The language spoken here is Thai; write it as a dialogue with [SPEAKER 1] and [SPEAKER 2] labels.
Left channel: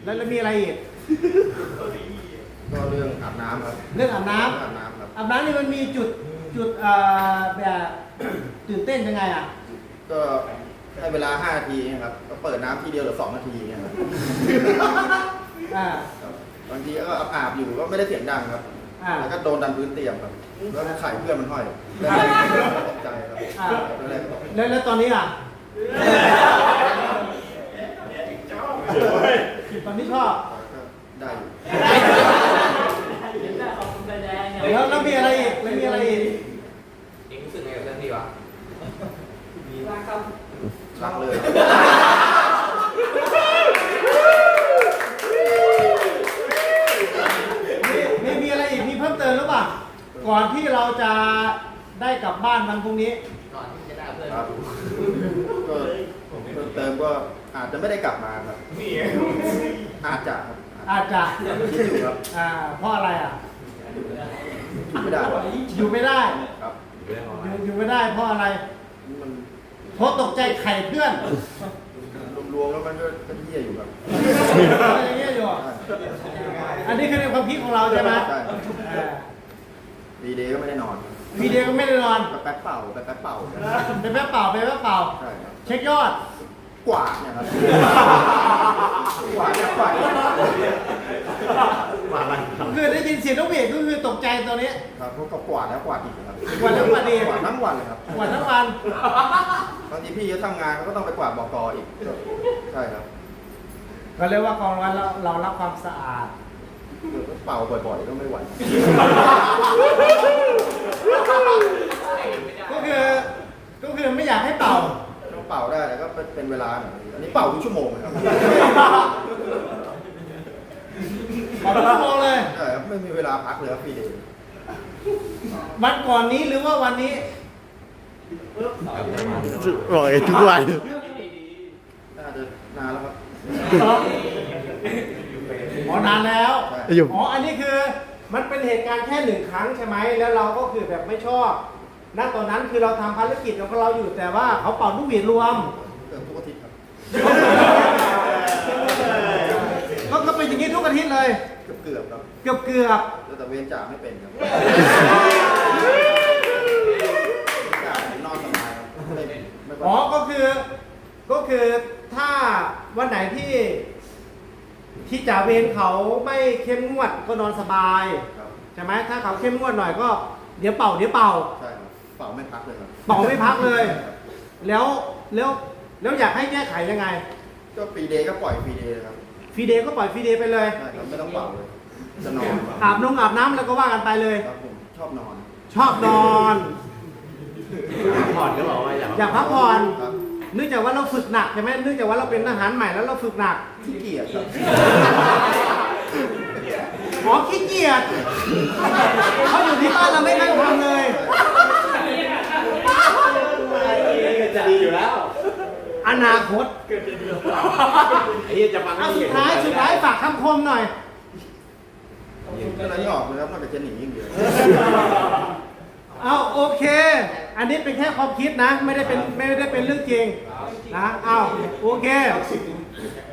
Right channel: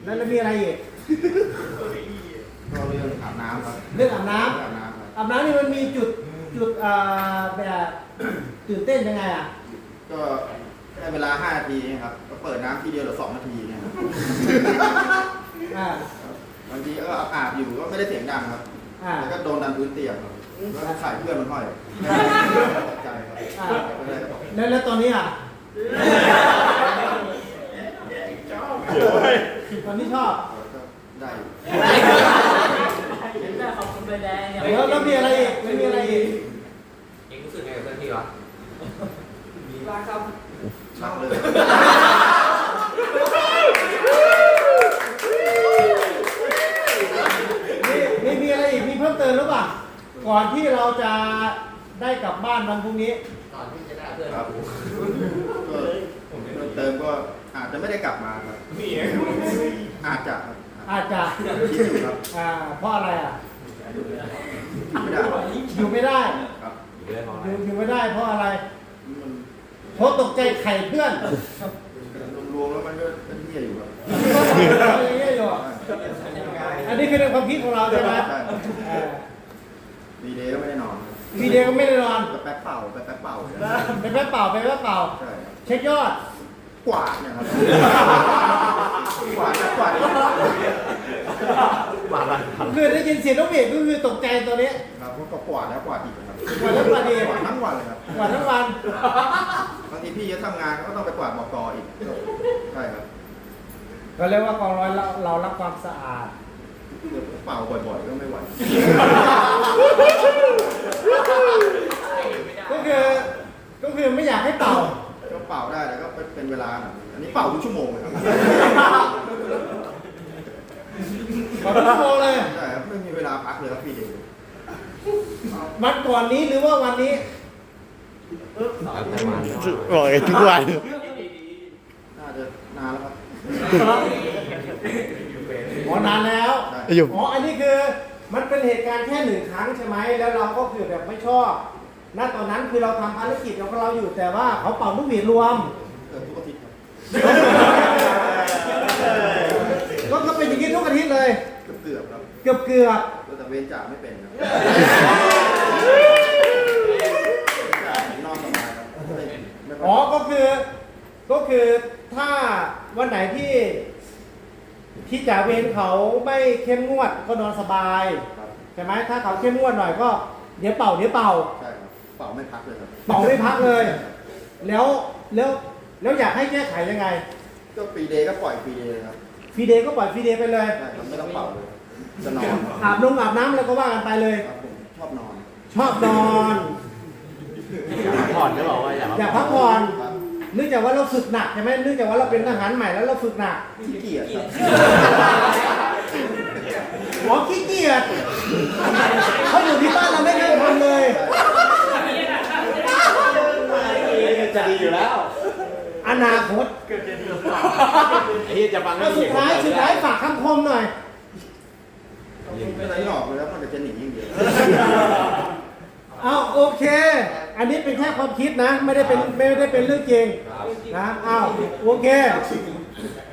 [SPEAKER 1] แล้วมีอะไรอีก
[SPEAKER 2] ก็เรื่องอาบน้ำครับ
[SPEAKER 1] เรื่องอาบน้ำ
[SPEAKER 2] อาบน้ำครับ
[SPEAKER 1] อาบน้ำนี่มันมีจุดแบบตื่นเต้นยังไงอ่ะ
[SPEAKER 2] ก็ให้เวลา5 นาทีนะครับก็เปิดน้ำทีเดียวหรือ2 นาทีนะครับบางทีก็อาบอยู่ก็ไม่ได้เสียงดังครับแล้วก็โดนดันพื้นเตียงครับแล้วไข่เพื่อนมันห้อย
[SPEAKER 1] แล้วตอนนี้อ่ะตอนนี้ชอบ
[SPEAKER 2] ได้
[SPEAKER 1] แล้วมีอะไรอีกแล้วมีอะไรอีก
[SPEAKER 3] เองรู้สึกไงกับเรื่องนี้วะ
[SPEAKER 2] มีรักครับชักเลย
[SPEAKER 1] มีอะไรอีกมีเพิ่มเติมหรือเปล่าก่อนที่เราจะได้กลับบ้านวันพรุ่งนี้
[SPEAKER 3] ก่อนที่จะได้เพื่อน
[SPEAKER 2] ครับก็เพิ่มเติมก็อาจจะไม่ได้กลับมาครับอาจจะครับ
[SPEAKER 1] เพราะอะไรอ่ะ
[SPEAKER 2] ไม่ได้
[SPEAKER 1] อยู่ไม่ได้อยู่ไม่ได้เพราะอะไรเพราะตกใจไข่เพื่อน
[SPEAKER 2] รวมแล้วมันก็เป็นเหี้ยอยู่ครับ
[SPEAKER 1] เหี้ยอยู่อันนี้คือในความคิดของเราใช่ไหม
[SPEAKER 2] วีเดย์ก็ไม่ได้นอน
[SPEAKER 1] วีเดย์ก็ไม่ได้นอน
[SPEAKER 2] แป๊บเป่าแป๊บเป่า
[SPEAKER 1] เช็คยอด
[SPEAKER 2] กวาดนะครับกวาด
[SPEAKER 1] คือได้ยินเสียงนกหวีดก็คือตกใจตัวนี้
[SPEAKER 2] ครับเพราะกวาดแล้วกวาดอีกครับ
[SPEAKER 1] กวาดทั้งวัน
[SPEAKER 2] กวาดทั้งวันเลยครับ
[SPEAKER 1] กวาดทั้งวัน
[SPEAKER 2] บางทีพี่จะทำงานก็ต้องไปกวาดบก.อีกใช่ครับ
[SPEAKER 1] ก็เรียกว่ากองร้อยเรารักความสะอาด
[SPEAKER 2] เป่าบ่อยๆก็ไม่ไหว
[SPEAKER 1] ก็คือไม่อยากให้เป่า
[SPEAKER 2] ต้องเป่าได้ก็เป็นเวลาอันนี้เป่าทุกชั่วโมงเลยครับ
[SPEAKER 1] เป่าทุกชั่วโมงเลย
[SPEAKER 2] ใช่ครับไม่มีเวลาพักเลยครับพี่ดู
[SPEAKER 1] วันก่อนนี้หรือว่าวันนี้
[SPEAKER 4] รอยทุกวัน
[SPEAKER 2] น่าจะนานแล้วครับ
[SPEAKER 1] นานแล้วอันนี้คือมันเป็นเหตุการณ์แค่1 ครั้งใช่ไหมแล้วเราก็คือแบบไม่ชอบณตอนนั้นคือเราทำภารกิจของเราอยู่แต่ว่าเขาเป่านกหวีดรวม
[SPEAKER 2] ทุกอาทิตย์
[SPEAKER 1] ก็เป็นอย่างนี้ทุกอาทิตย์เลย
[SPEAKER 2] เกือบครับ
[SPEAKER 1] เกือบ
[SPEAKER 2] แต่เวรจ่าไม่เป็นนอน
[SPEAKER 1] มาก็คือถ้าวันไหนที่จ่าเวรเขาไม่เข้มงวดก็นอนสบายใช่ไหมถ้าเขาเข้มงวดหน่อยก็เดี๋ยวเป่า
[SPEAKER 2] ใช่ครับเป่าไม่พักเลยครับ
[SPEAKER 1] เป่าไม่พักเลยแล้วอยากให้แก้ไขยังไง
[SPEAKER 2] ก็ฟรีเดย์ก็ปล่อยฟรีเดย์ครับ
[SPEAKER 1] ฟรีเดย์ก็ปล่อยฟรีเดย์ไปเลย
[SPEAKER 2] ไม่ต้องเป่าเลยจะนอน
[SPEAKER 1] อาบน้ำแล้วก็ว่ากันไปเลย
[SPEAKER 2] ชอบนอน
[SPEAKER 3] พักผ่อนก็หรอว่า
[SPEAKER 1] อยากพักผ่อนเนื่องจากว่าเราฝึกหนักใช่ไหมเนื่องจากว่าเราเป็นทหารใหม่แล้วเราฝึกหนัก
[SPEAKER 2] ขี้เกียจ
[SPEAKER 1] ขี้เกียจเขาอยู่ที่บ้านเราไม่ได้ทำเลย
[SPEAKER 3] จะดีอยู่แล้ว
[SPEAKER 1] อนาคต
[SPEAKER 3] เกิดจะดีไอ้จะฟัง
[SPEAKER 1] สุดท้ายฝากคำคมหน่อย
[SPEAKER 2] อะไรหยอกเลยครับมันจะหนียิ่งเดียว
[SPEAKER 1] โอเคอันนี้เป็นแค่ความคิดนะไม่ได้เป็นเรื่องจริงนะโอเค